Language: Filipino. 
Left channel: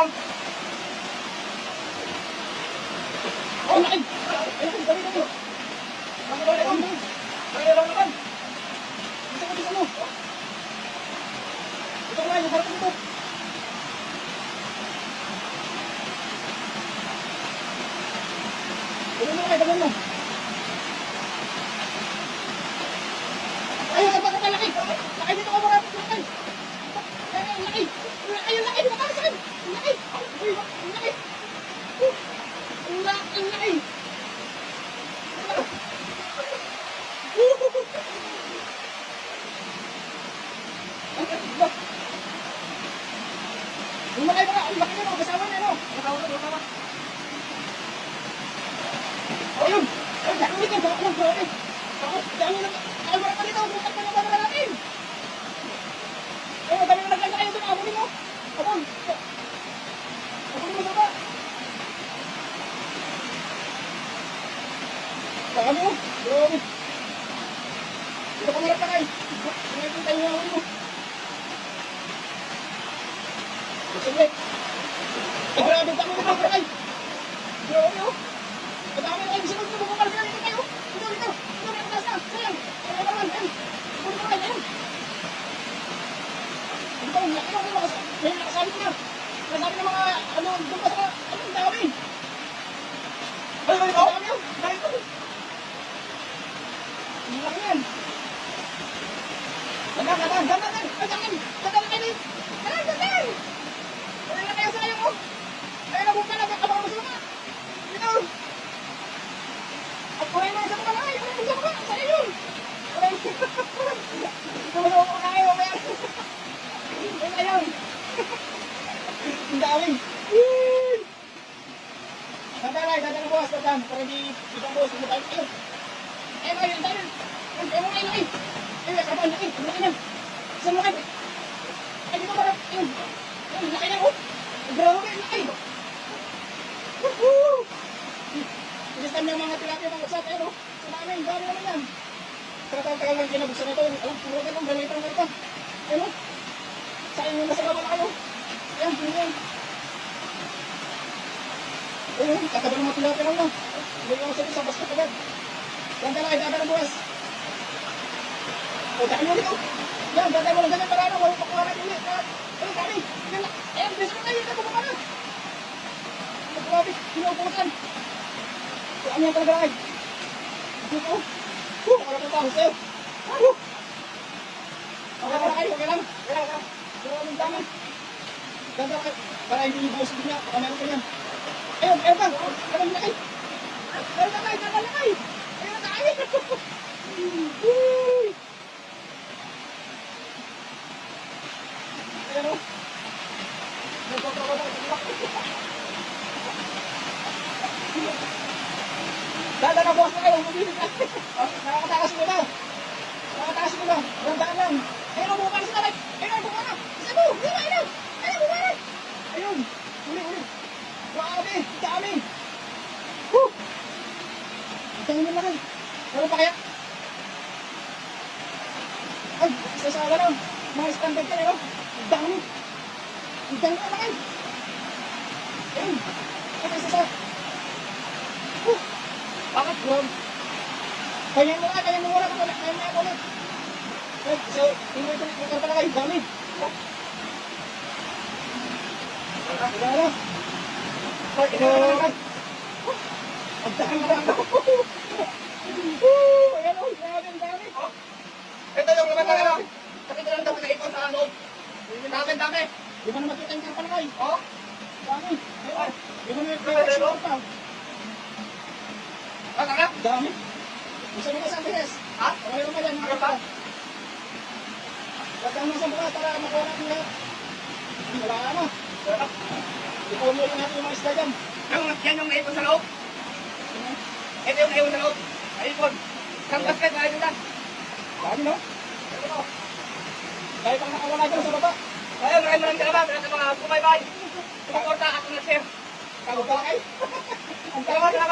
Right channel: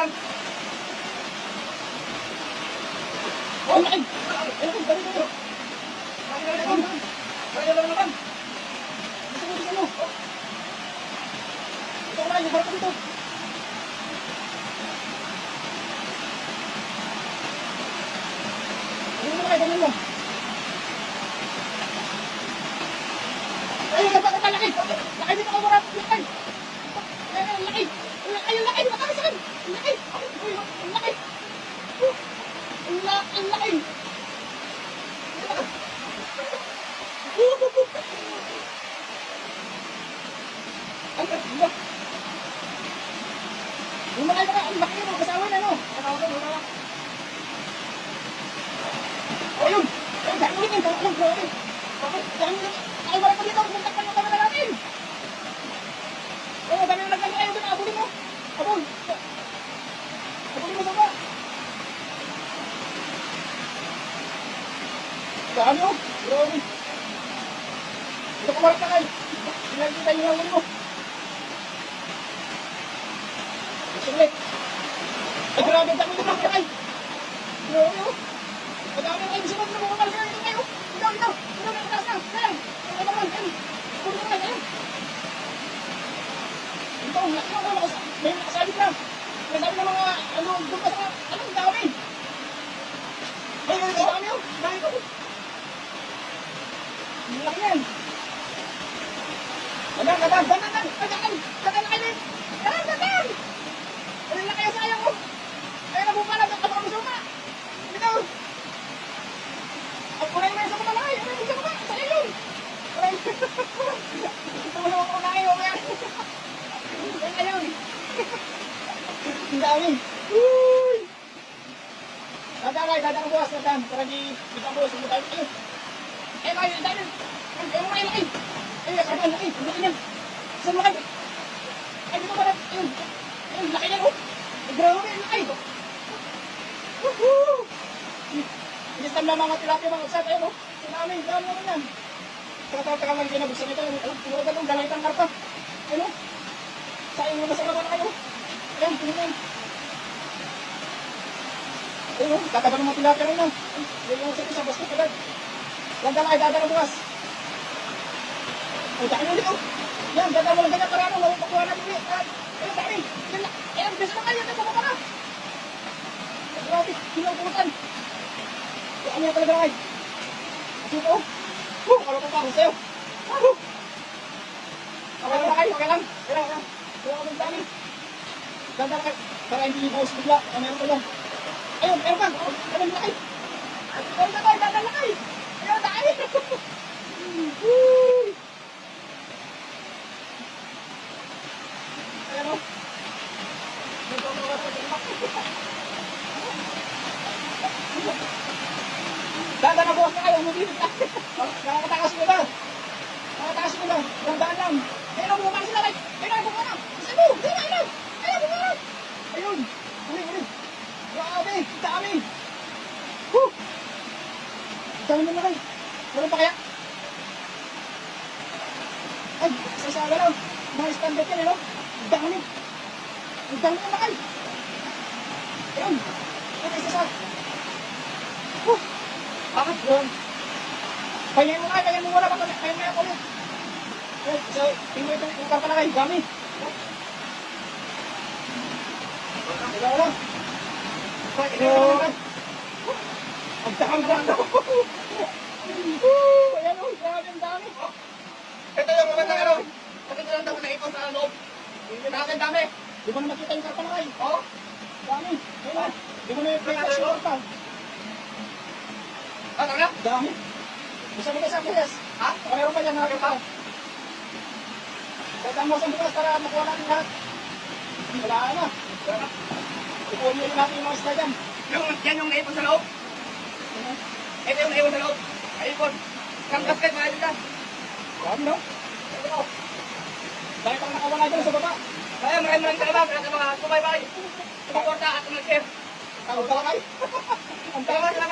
lang. Oh, ay! Ayun, dali, dali. Dali, dali, dali. Dali, dali, dali. Isa mo. Ito ko na, lugar ko dito. Ganun mo. Ay, laki. Laki dito ko muna. Laki. Laki. Ayun, laki. Nakakasakit. Laki. Uy, laki. Laki. Ang laki na mo. Kasama na mo. Ayun. Ay, dami ka. Dami lang, grabe. Dami na. Kaya marap pa nito. Ang takpan yung dami na natin. Ay, madami na lang kayo ito. Nakahuli mo. Abol. Abol mo naman. Dami mo. Grabe. Dito ka marap na kayo. Nakikita yung huli mo. Sige. Ay, grabe. Dami na lang kayo. Grabe mo. Madami na kayo. Isa mo. Bumakal ka na ito kayo. Ito. Ito na yung na. Ayan. Ito naman. Ayan. Ito naman. Ayan. Ito. Ang laki mo. May nakasalit na. May sabi na mga ano. Doon ka sa ang dawi. Ay, dami mo. Dami mo. Ang laki yan. Dadan. Ay, laki yan sa kaya mo. Ay, nabuka na. Ano ka masuka? Ito. At kumain na sa mga lakay. Ano yung lakay? Sa iyo. Ay, tulong ko na kayo. Ay, ayun. Ang dami. Dadan ka bukas. Dadan. Para di kita bukas. Ayun. Ay, mga yun. Dadan. Ay, mga laki. Ay, dadan. Laki. Laki yan. Saan laki? Ay, dito ba? Ayun. Ayun, laki yan. Grabe. Laki. Woohoo! Yes, ang mga tilapia mga kasat, ayun o. Sumaming, gano'n naman yan. Tagal lang kinabuksan ito, yun. Puro ka ng galaytang karpa. Ayun o. Sayang mo na sa baba na kayo. Ayan, pinigyan. Ayun o, katagal ng mga tilapia ron yan. Hindi yung sabi sa basta agad. Lang ka na kayo, dadala bukas. O, dahil mo dito. Yan, dadala mo lang ganyan para ano, makukuha na dili. Ayun, dali. Ayan, kasi na kayo, ito, bumaba na. Grabe, pinagbutan. Saan niya talaga ay? Dito. Wala pa ako sa'yo. Okay lang kayo, okay lang. Kailangan. Kailangan ng dami. Ganda kayo. Para hindi niyo paus bigla. Baka meron ko yan. Ayun, meron ka. Ayun, laki. Ayun, laki. Ganda laki. Ayun, dami. Ayun, o. Dadan na bukas na kayo. Nakakatakas mo ba? Nakakatakas mo ba? Gandaan lang. Ayun ang bumaba sa talay. Ayun ang bumaba. Sabu! Ayun! Ayun bumaba! Ayun! Uli! Grabe! Dami! Woo! Dami naman kayo. Gawin pa kaya? Ay! Isa-isa lang. Mga standard kayo. Dami! Dami naman kayo. Ayun! Ay! Isa-isa. Woo! Bakit mo? Kaya mo nga, wala ka ulit. Kaya mo yan ulit. So, tingnan ito yung karpa na kayo. Dami. Wala. Ay, wala ka. Pagdahan na lang ako. Ayan o, grabe ang dami. Ito yung mga kaya. Nakita lang daw na ikaw sa ano. Dami, dami. Di mo na makita yung karpa na kayo. Dami. Di mo na yung pera sa karpa. Talaga? Dami. Isa mo ka sa Angeles. Ha? Meron pa dyan, nakakita. Basta mo sa bukas para makuha natin lahat. Wala ka na. Ikuha mo natin yung mga isda dyan. Yan yung naipon sa loob. Ito yung naipon sa loob. Naipon. Kamkasket, mga ibig yan. Dami, no? Dahil pang nakawala dyan sa baba. Kaya maraming talaga. Kaya mga kumaybay. Tumakorta ako na share. Tawag ka lang kayo. Ang tawag na